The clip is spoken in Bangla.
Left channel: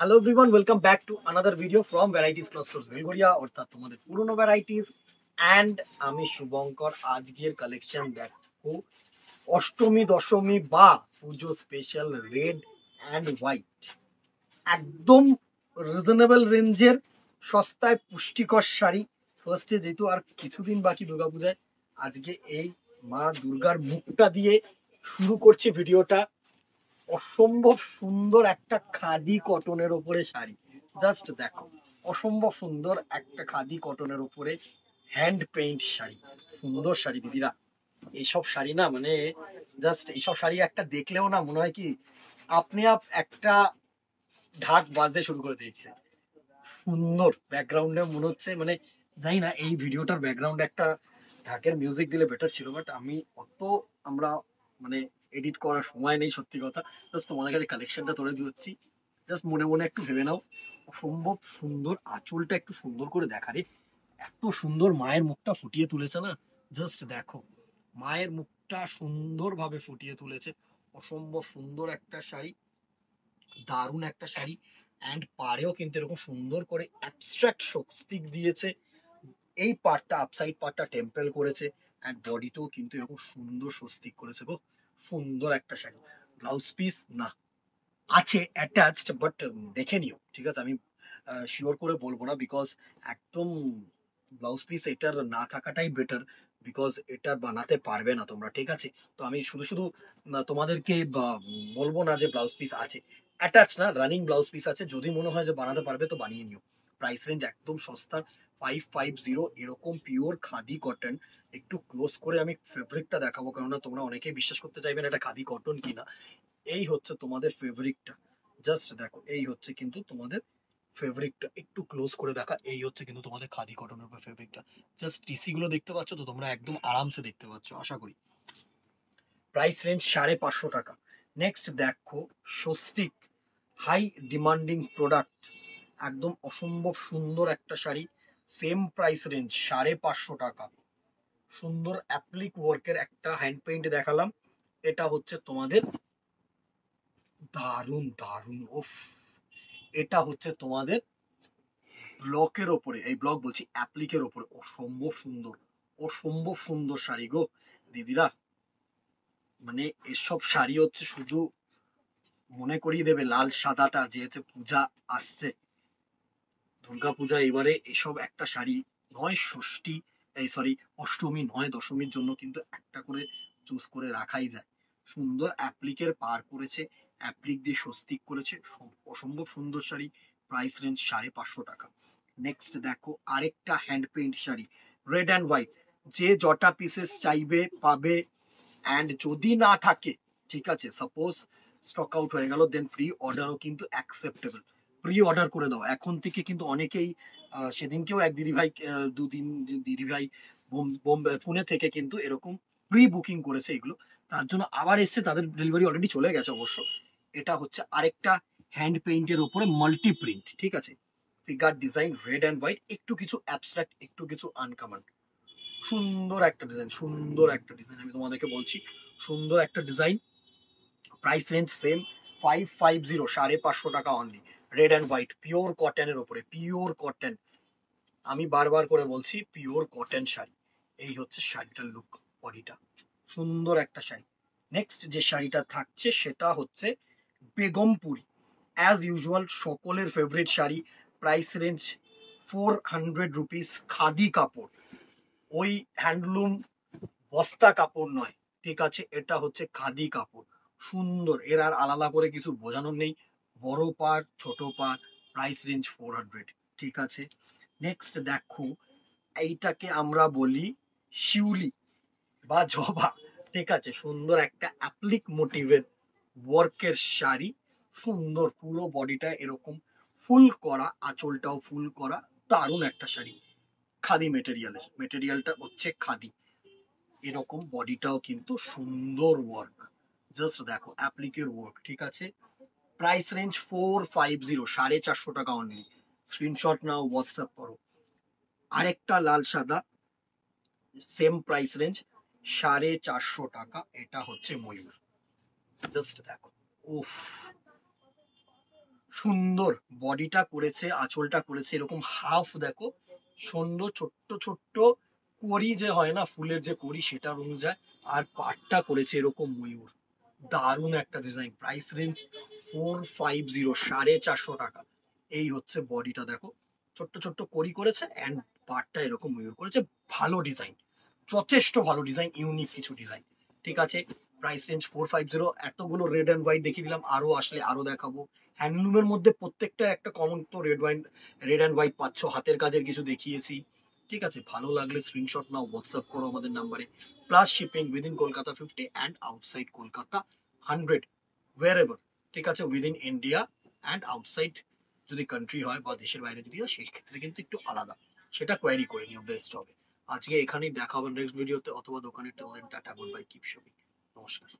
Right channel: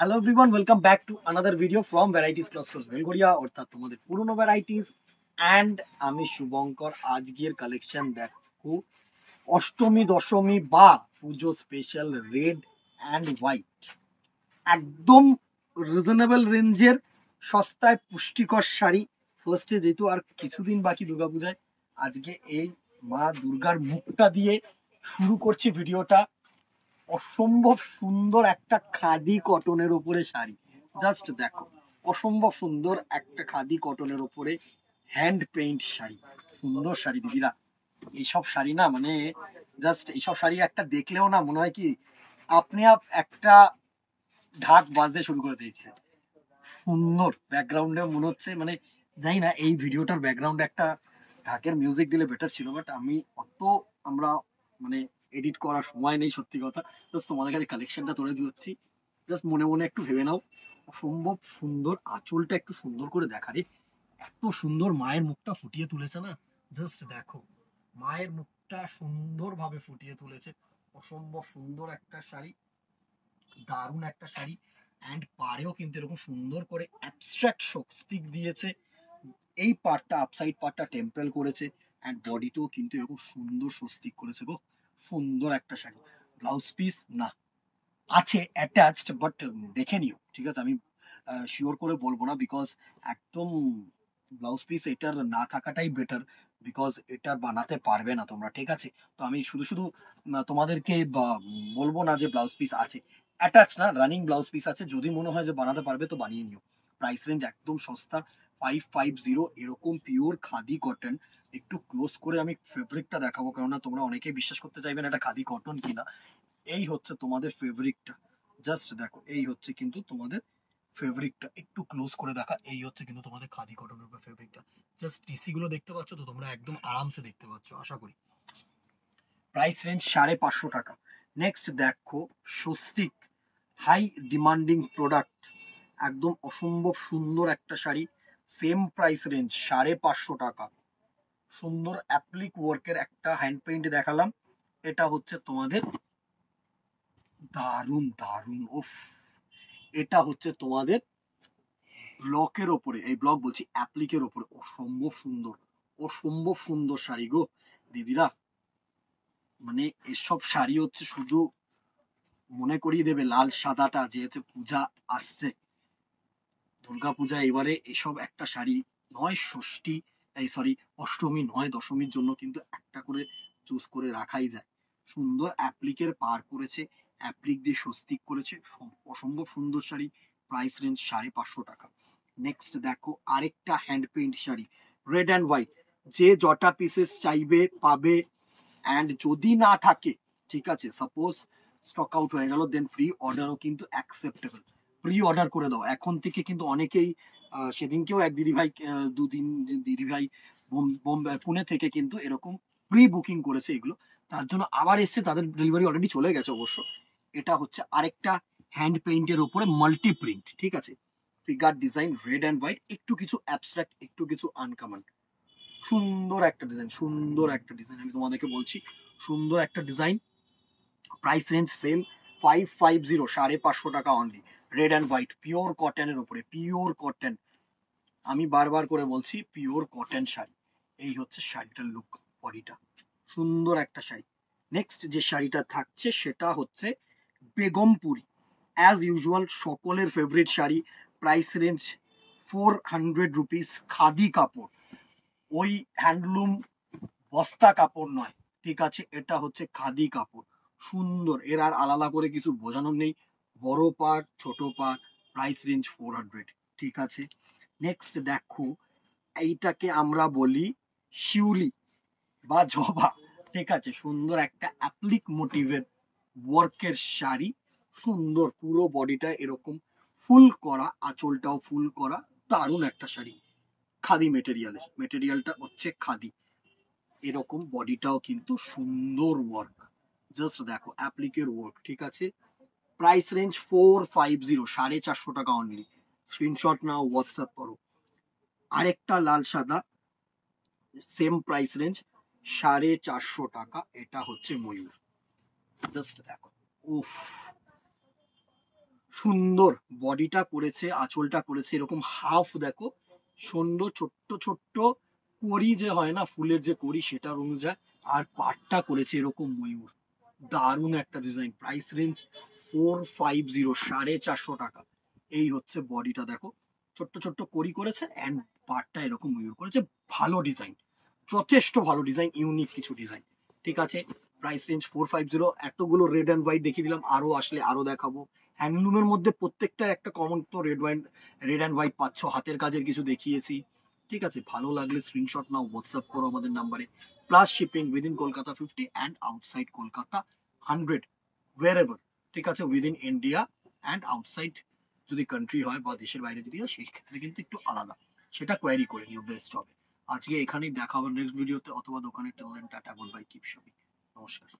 Hello everyone, welcome back to another video from varieties cloth stores Belgharia, অর্থাৎ তোমাদের পুরনো ভ্যারাইটিস। অ্যান্ড আমি শুভঙ্কর। আজকের কালেকশন দেখো, অষ্টমী দশমী বা পুজো স্পেশাল রেড অ্যান্ড হোয়াইট, একদম রিজনেবল রেঞ্জের সস্তায় পুষ্টিকর শাড়ি। ফার্স্টে যেহেতু আর কিছুদিন বাকি দুর্গাপূজায়, আজকে এই মা দুর্গার মুখটা দিয়ে শুরু করছি ভিডিওটা। অসম্ভব সুন্দর একটা খাদি কটনের উপরে শাড়ি, জাস্ট দেখো, অসম্ভব সুন্দর একটা খাদি কটনের উপরে হ্যান্ড পেইন্ট শাড়ি। সুন্দর শাড়ি দিদিরা, এইসব শাড়ি না মানে জাস্ট এইসব শাড়ি একটা দেখলেও না মনে হয় কি আপনি একটা ঢাক বাজতে শুরু করে দিয়েছে। সুন্দর ব্যাকগ্রাউন্ডে মনে হচ্ছে মানে জানি না, এই ভিডিওটার ব্যাকগ্রাউন্ডে একটা ঢাকের মিউজিক দিলে বেটার ছিল, বাট আমি অত আমরা মানে এডিট করার সময় নেই সত্যি কথা। জাস্ট তোমাদের কাছে কালেকশনটা তুলে দিচ্ছি, জাস্ট মনে মনে একটু ভেবে নাও। অসম্ভব সুন্দর, আঁচলটা একটু সুন্দর করে দেখারে, এত সুন্দর মায়ের মুখটা ফুটিয়ে তুলেছে না। জাস্ট দেখো, মায়ের মুখটা সুন্দরভাবে ফুটিয়ে তুলেছে। অসম্ভব সুন্দর একটা শাড়ি, দারুণ একটা শাড়ি। অ্যান্ড পাড়েও কিন্তু এরকম সুন্দর করে অ্যাবস্ট্রাক্ট স্বস্তিক দিয়েছে। এই পার্টটা আপসাইড পার্টটা টেম্পল করেছে, অ্যান্ড বডিতেও কিন্তু এরকম সুন্দর স্বস্তিক করেছে গো। সুন্দর একটা শাড়ি। ব্লাউজ পিস না আছে অ্যাটাচড, বাট দেখে নিও, ঠিক আছে? আমি শিওর করে বলবো না, বিকজ একদম ব্লাউজ পিস এটার না থাকাটাই বেটার, বিকজ এটার বানাতে পারবে না তোমরা, ঠিক আছে? তো আমি শুধু শুধু তোমাদেরকে বলবো না যে ব্লাউজ পিস আছে। অ্যাটাচ না, রানিং ব্লাউজ পিস আছে। যদি মনে হয় যে বানাতে পারবে তো বানিয়ে নিও। প্রাইস রেঞ্জ একদম সস্তা, 550। এরকম পিওর খাদি কটন। একটু ক্লোজ করে আমি ফেব্রিকটা দেখাবো, কেননা তোমরা অনেকেই বিশ্বাস করতে চাইবেন এটা খাদি কটন কিনা। এই হচ্ছে তোমাদের ফেব্রিকটা, জাস্ট দেখো, এই হচ্ছে কিন্তু তোমাদের ফেব্রিকটা। একটু ক্লোজ করে দেখা, এই হচ্ছে কিন্তু তোমাদের খাদি কটনের উপর ফেব্রিকটা। জাস্ট টিসি গুলো দেখতে পাচ্ছ তো তোমরা, একদম আরামসে দেখতে পাচ্ছ আশা করি। প্রাইস রেঞ্জ 550 টাকা। নেক্সট দেখো, স্বস্তিক, হাই ডিমান্ডিং প্রোডাক্ট, একদম অসম্ভব সুন্দর একটা শাড়ি। সেম প্রাইস রেঞ্জ 550 টাকা। সুন্দর অ্যাপ্লিক ওয়ার্কের একটা হ্যান্ড পেইন্ট দেখালাম, এটা হচ্ছে তোমাদের দারুন দারুন ওফ। এটা হচ্ছে তোমাদের ব্লকের ওপরে, এই ব্লক বলছি অ্যাপ্লিকের ওপরে, অসম্ভব সুন্দর, অসম্ভব সুন্দর শাড়ি গো দিদিরা। মানে এসব শাড়ি হচ্ছে শুধু মনে করিয়ে দেবে লাল সাদাটা, যে হচ্ছে পূজা আসছে, দুর্গা পূজা এবারে। এসব একটা শাড়ি নয় ষষ্ঠী, এই সরি অষ্টমী নয় দশমীর জন্য কিন্তু একটা করে চুজ করে রাখাই যায়। সুন্দর অ্যাপ্লিকের পার করেছে, অ্যাপ্লিক দিয়ে স্বস্তিক করেছে, অসম্ভব সুন্দর শাড়ি। প্রাইস রেঞ্জ 550 টাকা। নেক্সট দেখো, আরেকটা hand paint sari, red and white. যে জটা পিসেস চাইবে পাবে, অ্যান্ড যদি না থাকে, ঠিক আছে, সাপোজ স্টক আউট হয়ে গেল, দেন প্রি অর্ডারও কিন্তু অ্যাকসেপ্টেবল। প্রি অর্ডার করে দাও এখন থেকে, কিন্তু অনেকেই সেদিনকেও এক দিদিভাই, দুদিন দিদিভাই বোম্বে পুনে থেকে কিন্তু এরকম প্রি বুকিং করেছে এগুলো, তার জন্য আবার এসছে, তাদের ডেলিভারি অলরেডি চলে গেছে অবশ্য। এটা হচ্ছে আরেকটা হ্যান্ড পেইন্টের উপরে মাল্টি প্রিন্ট, ঠিক আছে, figure design, red and white, একটু কিছু অ্যাবস্ট্রাক্ট, একটু কিছু আনকমন। সুন্দর একটা ডিজাইন, সুন্দর একটা ডিজাইন, আমি তোমাদেরকে বলছি সুন্দর একটা ডিজাইন। প্রাইস রেঞ্জ সেম, 550, 550 টাকা only. Red and white, pure কটনের ওপরে, পিওর কটন, আমি বারবার করে বলছি পিওর কটন শাড়ি। এই হচ্ছে শাড়িটার লুক, বডিটা সুন্দর একটা শাড়ি। নেক্সট যে শাড়িটা থাকছে সেটা হচ্ছে বেগমপুরি, অ্যাজ ইউজুয়াল সকলের favourite sari. Price range 400 rupees. Khadi কাপড়, ওই হ্যান্ডলুম বস্তা কাপড় নয়, ঠিক আছে, এটা হচ্ছে খাদি কাপড়। সুন্দর, এর আর আলাদা করে কিছু বোঝানোর নেই। বড় পাট ছোট পাট, প্রাইস রেঞ্জ 400, ঠিক আছে। নেক্সট দেখো, এইটাকে আমরা বলি শিউলি বা জবা, ঠিক আছে, সুন্দর একটা অ্যাপ্লিক মোটিভের ওয়ার্কের শাড়ি। সুন্দর পুরো বডিটা এরকম ফুল করা, আঁচলটাও ফুল করা, দারুণ একটা শাড়ি। খাদি মেটেরিয়ালের, মেটেরিয়ালটা হচ্ছে খাদি, এরকম বডিটাও কিন্তু সুন্দর ওয়ার্ক। জাস্ট দেখো অ্যাপ্লিকের ওয়ার্ক, ঠিক আছে। প্রাইস রেঞ্জ 450, 450 টাকা অনলি। স্ক্রিনশট নাও, হোয়াটসঅ্যাপ করো। আরেকটা লাল সাদা, সেম প্রাইস রেঞ্জ 450 টাকা, এটা হচ্ছে ময়ূর। জাস্ট দেখো, উফ, সুন্দর বডিটা করেছে, আঁচলটা করেছে এরকম হাফ, দেখো সুন্দর ছোট্ট ছোট্ট কড়ি যে হয় না, ফুলের যে কড়ি সেটার অনুযায়ী, আর পাটটা করেছে এরকম ময়ূর। দারুণ একটা ডিজাইন। প্রাইস রেঞ্জ 450, 450 টাকা। এই হচ্ছে বডিটা, দেখো ছোট্ট ছোট্ট কড়ি করেছে অ্যান্ড পাটটা এরকম ময়ূর করেছে। ভালো ডিজাইন, যথেষ্ট ভালো ডিজাইন, ইউনিক কিছু ডিজাইন। ঠিক আছে, প্রাইস রেঞ্জ 450। এতগুলো রেড অ্যান্ড হোয়াইট দেখিয়ে দিলাম, আরো আসলে আরো দেখাবো। হ্যান্ডলুমের মধ্যে প্রত্যেকটা একটা কমন তো রেড অ্যান্ড হোয়াইট পাচ্ছ, হাতের কাজের কিছু দেখিয়েছি। ঠিক আছে, ভালো লাগলে স্ক্রিনশট নাও, হোয়াটসঅ্যাপ করো আমাদের নাম্বারে। Plus shipping within Kolkata 50 and outside Kolkata 100, wherever। ঠিক আছে, উইদিন ইন্ডিয়া অ্যান্ড আউটসাইড যদি কান্ট্রি হয় বা দেশের বাইরে যদি হয় সেই ক্ষেত্রে কিন্তু একটু আলাদা, সেটা কোয়ারি করে নিও, বেস্ট হবে। আজকে এখানেই দেখা হবে নেক্সট ভিডিওতে অথবা দোকানে। Till then tata, good bye, keep shopping. নমস্কার।